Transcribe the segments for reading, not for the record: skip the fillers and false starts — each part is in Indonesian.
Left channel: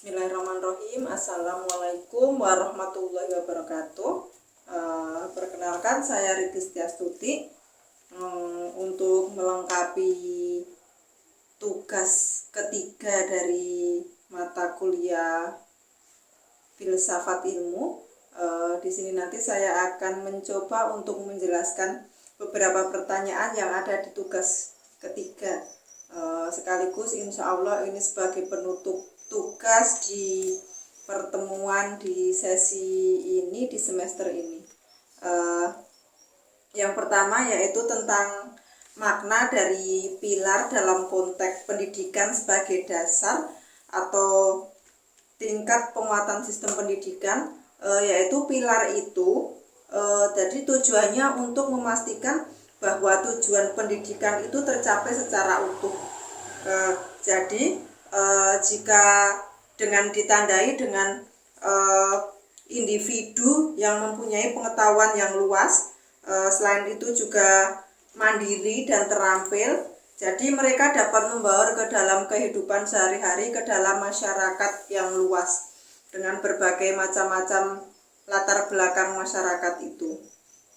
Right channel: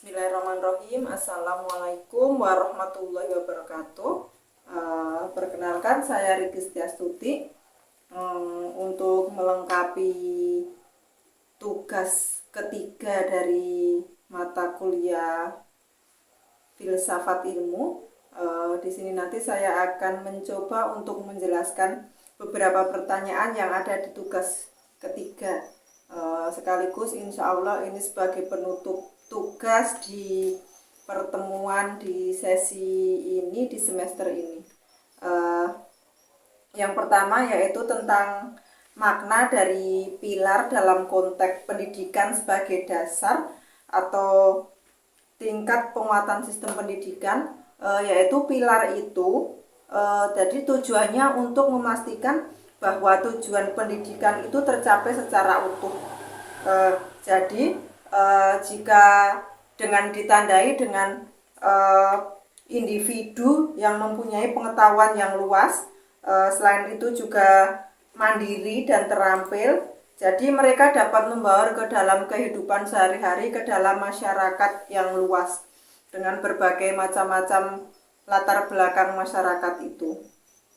Bismillahirrahmanirrahim. Assalamualaikum warahmatullahi wabarakatuh. Perkenalkan, saya Riti Setiastuti. Untuk melengkapi tugas ketiga dari mata kuliah filsafat ilmu, di sini nanti saya akan mencoba untuk menjelaskan beberapa pertanyaan yang ada di tugas ketiga. Sekaligus insya Allah ini sebagai penutup tugas di pertemuan di sesi ini, di semester ini. Yang pertama yaitu tentang makna dari pilar dalam konteks pendidikan sebagai dasar atau tingkat penguatan sistem pendidikan, yaitu pilar itu jadi tujuannya untuk memastikan bahwa tujuan pendidikan itu tercapai secara utuh. Jika dengan ditandai dengan individu yang mempunyai pengetahuan yang luas, selain itu juga mandiri dan terampil, jadi mereka dapat membaur ke dalam kehidupan sehari-hari, ke dalam masyarakat yang luas dengan berbagai macam-macam latar belakang masyarakat itu.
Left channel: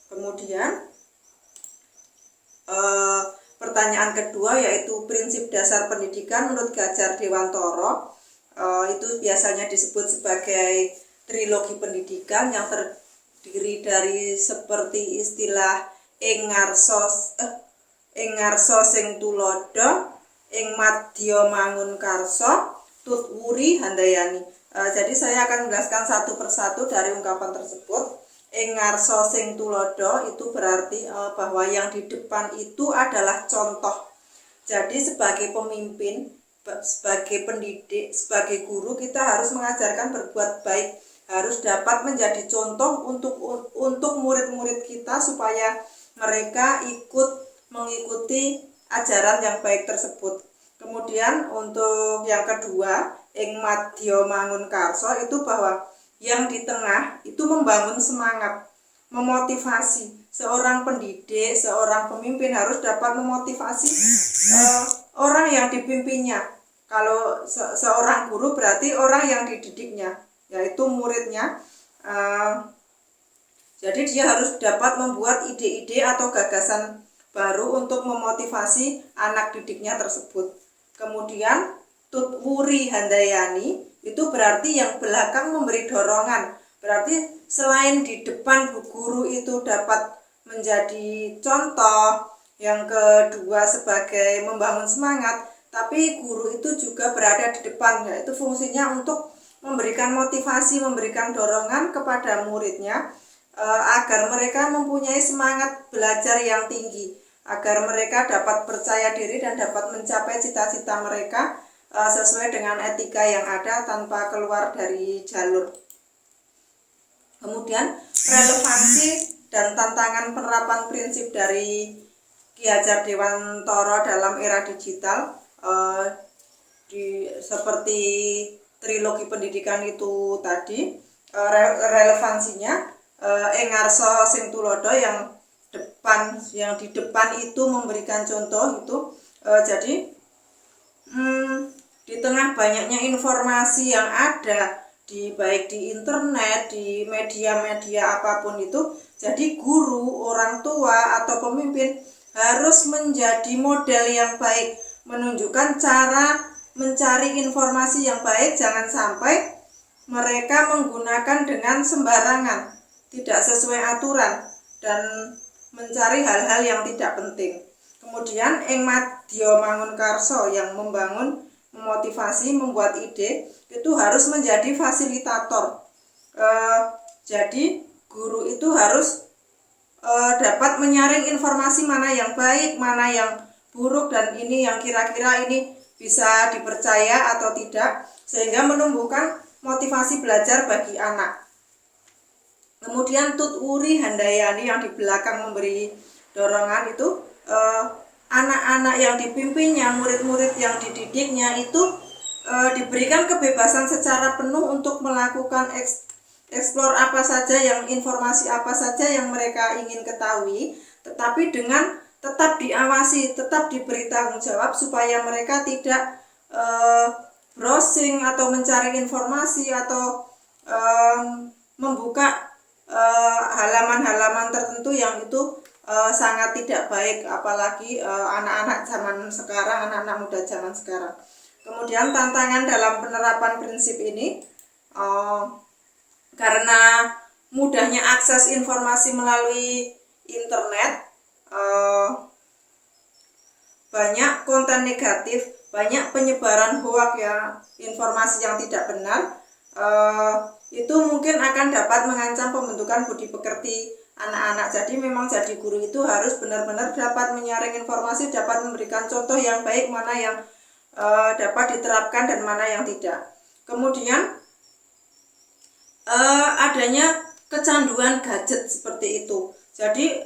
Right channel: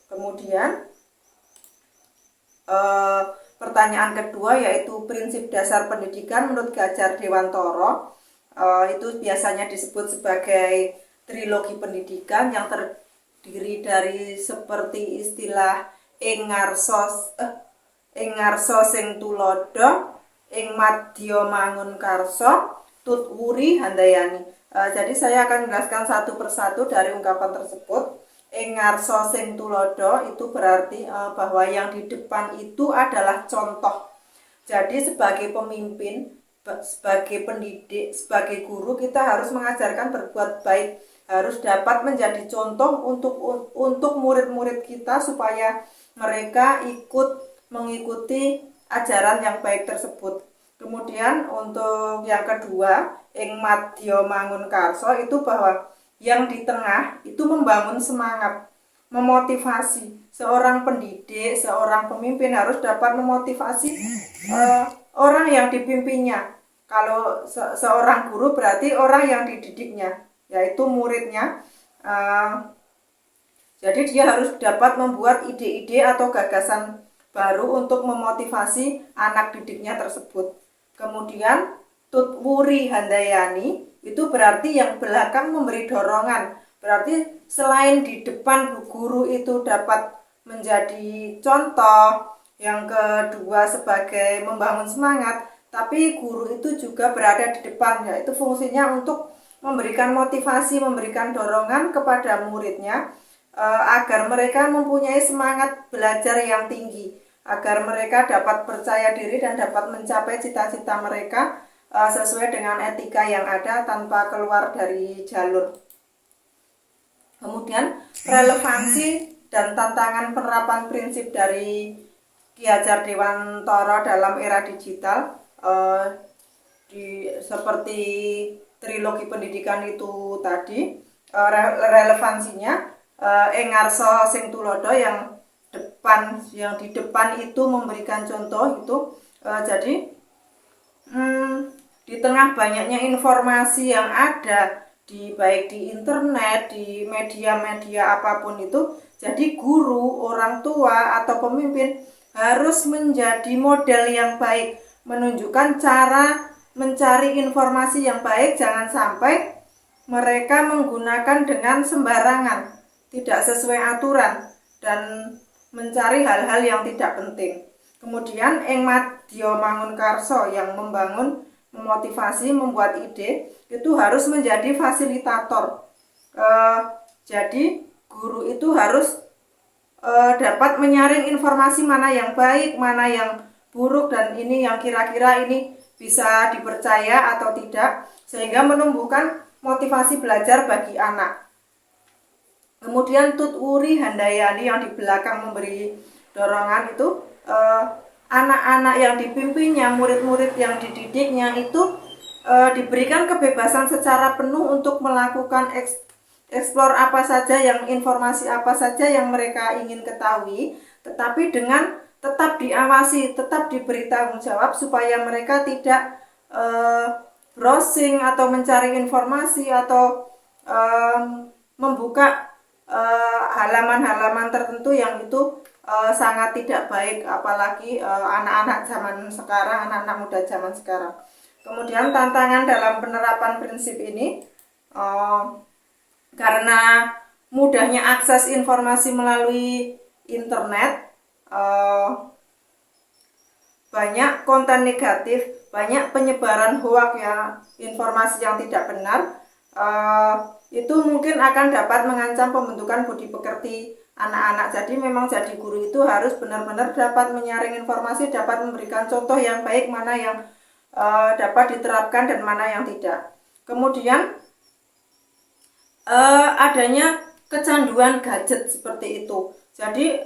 Kemudian pertanyaan kedua yaitu prinsip dasar pendidikan menurut Gadjar Dewantara. Itu biasanya disebut sebagai trilogi pendidikan yang terdiri dari seperti istilah ing ngarsa sing tulodo, ing madya mangun karsa, tut wuri handayani. Jadi saya akan menjelaskan satu persatu dari ungkapan tersebut. Ing ngarsa sing tulodo itu berarti bahwa yang di depan itu adalah contoh. Jadi sebagai pemimpin, sebagai pendidik, sebagai guru, kita harus mengajarkan berbuat baik, harus dapat menjadi contoh untuk murid-murid kita supaya mereka ikut mengikuti ajaran yang baik tersebut. Kemudian untuk yang kedua, ing madya mangun karsa itu bahwa yang di tengah itu membangun semangat, memotivasi. Seorang pendidik, seorang pemimpin harus dapat memotivasi orang yang dipimpinnya. Kalau seorang guru berarti orang yang dididiknya, yaitu muridnya. Jadi dia harus dapat membuat ide-ide atau gagasan baru untuk memotivasi anak didiknya tersebut. Kemudian tutwuri handayani itu berarti yang belakang memberi dorongan. Berarti selain di depan guru itu dapat menjadi contoh, yang kedua sebagai membangun semangat, tapi guru itu juga berada di depan, yaitu fungsinya untuk memberikan motivasi, memberikan dorongan kepada muridnya agar mereka mempunyai semangat belajar yang tinggi, agar mereka dapat percaya diri dan dapat mencapai cita-cita mereka sesuai dengan etika yang ada tanpa keluar dari jalur. Kemudian relevansi dan tantangan penerapan prinsip dari Gadjar Dewantara dalam era digital, seperti trilogi pendidikan itu tadi, relevansinya ing ngarsa sing tulodo, yang di depan itu memberikan contoh itu. Jadi di tengah banyaknya informasi yang ada baik di internet, di media-media apapun itu, jadi guru, orang tua atau pemimpin harus menjadi model yang baik, menunjukkan cara mencari informasi yang baik. Jangan sampai mereka menggunakan dengan sembarangan, tidak sesuai aturan, dan mencari hal-hal yang tidak penting. Kemudian ing madya mangun karsa, yang membangun, memotivasi, membuat ide, itu harus menjadi fasilitator. Jadi guru itu harus dapat menyaring informasi mana yang baik, mana yang buruk, dan ini yang kira-kira ini bisa dipercaya atau tidak, sehingga menumbuhkan motivasi belajar bagi anak. Kemudian tutwuri handayani, yang di belakang memberi dorongan itu anak-anak yang dipimpinnya, murid-murid yang dididiknya itu diberikan kebebasan secara penuh untuk melakukan eksplor apa saja, informasi apa saja yang mereka ingin ketahui, tetapi dengan tetap diawasi, tetap diberi tanggung jawab supaya mereka tidak browsing atau mencari informasi atau membuka halaman-halaman tertentu yang itu sangat tidak baik, apalagi anak-anak zaman sekarang, anak-anak muda zaman sekarang. Kemudian tantangan dalam penerapan prinsip ini, karena mudahnya akses informasi melalui internet, banyak konten negatif, banyak penyebaran hoak ya, informasi yang tidak benar, itu mungkin akan dapat mengancam pembentukan budi pekerti anak-anak. Jadi memang jadi guru itu harus benar-benar dapat menyaring informasi, dapat memberikan contoh yang baik, mana yang dapat diterapkan dan mana yang tidak. Kemudian adanya kecanduan gadget seperti itu. Jadi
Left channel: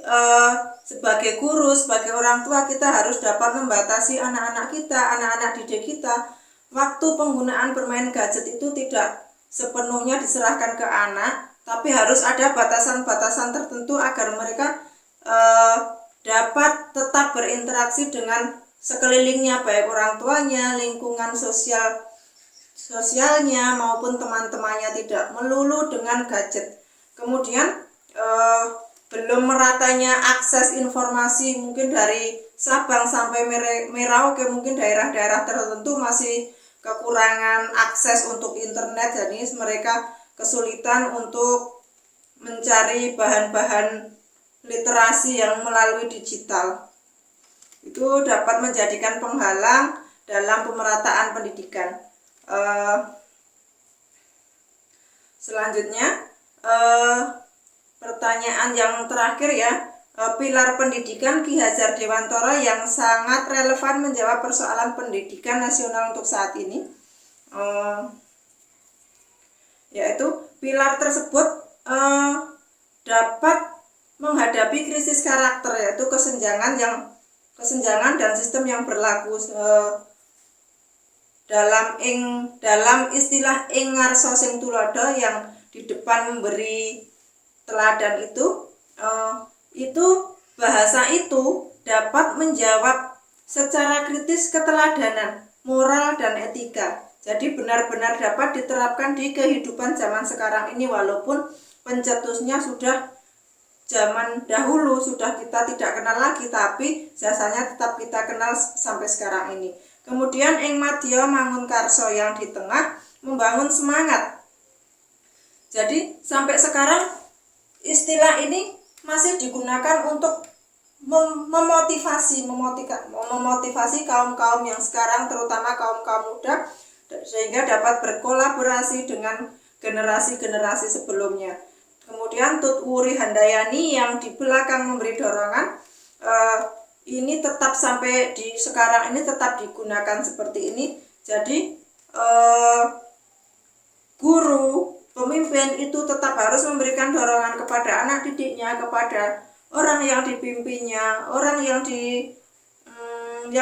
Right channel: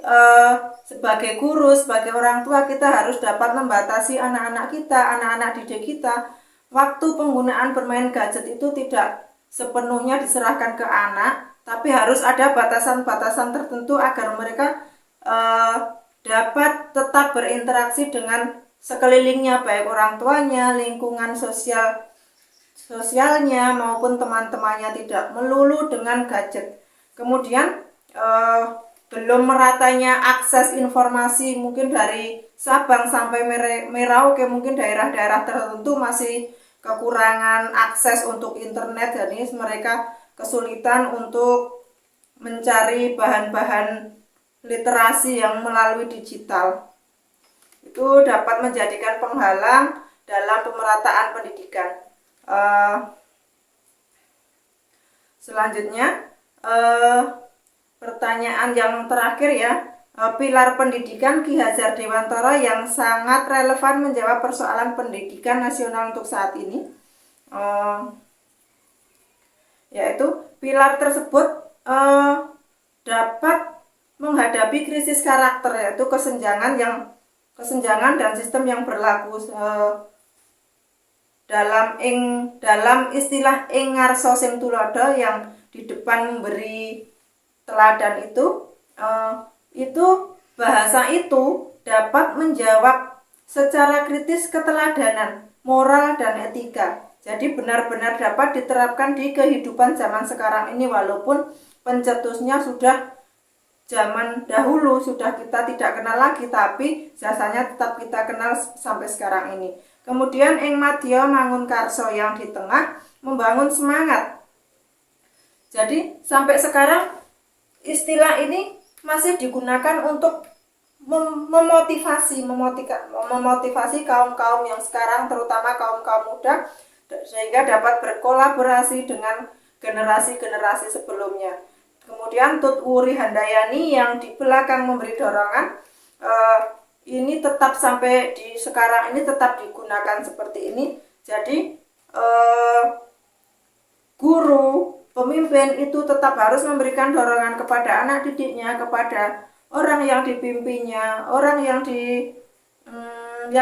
sebagai guru, sebagai orang tua, kita harus dapat membatasi anak-anak kita, anak-anak didik kita. Waktu penggunaan bermain gadget itu tidak sepenuhnya diserahkan ke anak, tapi harus ada batasan-batasan tertentu agar mereka dapat tetap berinteraksi dengan sekelilingnya, baik orang tuanya, lingkungan sosialnya maupun teman-temannya, tidak melulu dengan gadget. Kemudian belum meratanya akses informasi, mungkin dari Sabang sampai Merauke, mungkin daerah-daerah tertentu masih kekurangan akses untuk internet, jadi mereka kesulitan untuk mencari bahan-bahan literasi yang melalui digital. Itu dapat menjadikan penghalang dalam pemerataan pendidikan. Selanjutnya, pertanyaan yang terakhir ya, pilar pendidikan Ki Hajar Dewantara yang sangat relevan menjawab persoalan pendidikan nasional untuk saat ini, yaitu pilar tersebut dapat menghadapi krisis karakter, yaitu kesenjangan dan sistem yang berlaku dalam istilah ing ngarsa sing tulodo, yang di depan memberi teladan itu bahasa itu dapat menjawab secara kritis keteladanan, moral dan etika. Jadi benar-benar dapat diterapkan di kehidupan zaman sekarang ini, walaupun pencetusnya sudah zaman dahulu, sudah kita tidak kenal lagi, tapi jasanya tetap kita kenal sampai sekarang ini. Kemudian ing madya mangun karso, yang di tengah membangun semangat. Jadi sampai sekarang istilah ini masih digunakan untuk memotivasi kaum-kaum yang sekarang, terutama kaum-kaum muda, sehingga dapat berkolaborasi dengan generasi-generasi sebelumnya. Kemudian Tut Wuri Handayani yang di belakang memberi dorongan, ini tetap sampai di sekarang ini tetap digunakan seperti ini. Jadi guru, pemimpin itu tetap harus memberikan dorongan kepada anak didiknya, kepada orang yang dipimpinnya, orang yang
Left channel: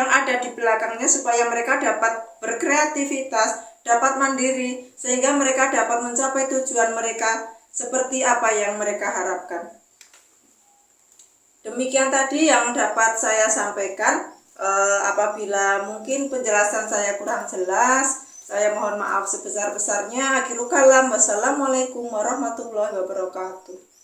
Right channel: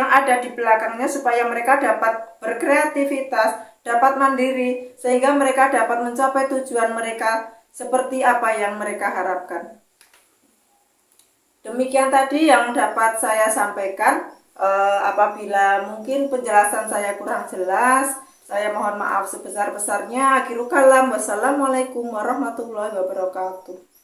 ada di belakangnya, supaya mereka dapat berkreativitas, dapat mandiri, sehingga mereka dapat mencapai tujuan mereka seperti apa yang mereka harapkan. Demikian tadi yang dapat saya sampaikan. Apabila mungkin penjelasan saya kurang jelas, saya mohon maaf sebesar-besarnya. Akhirul kalam, wassalamualaikum warahmatullahi wabarakatuh.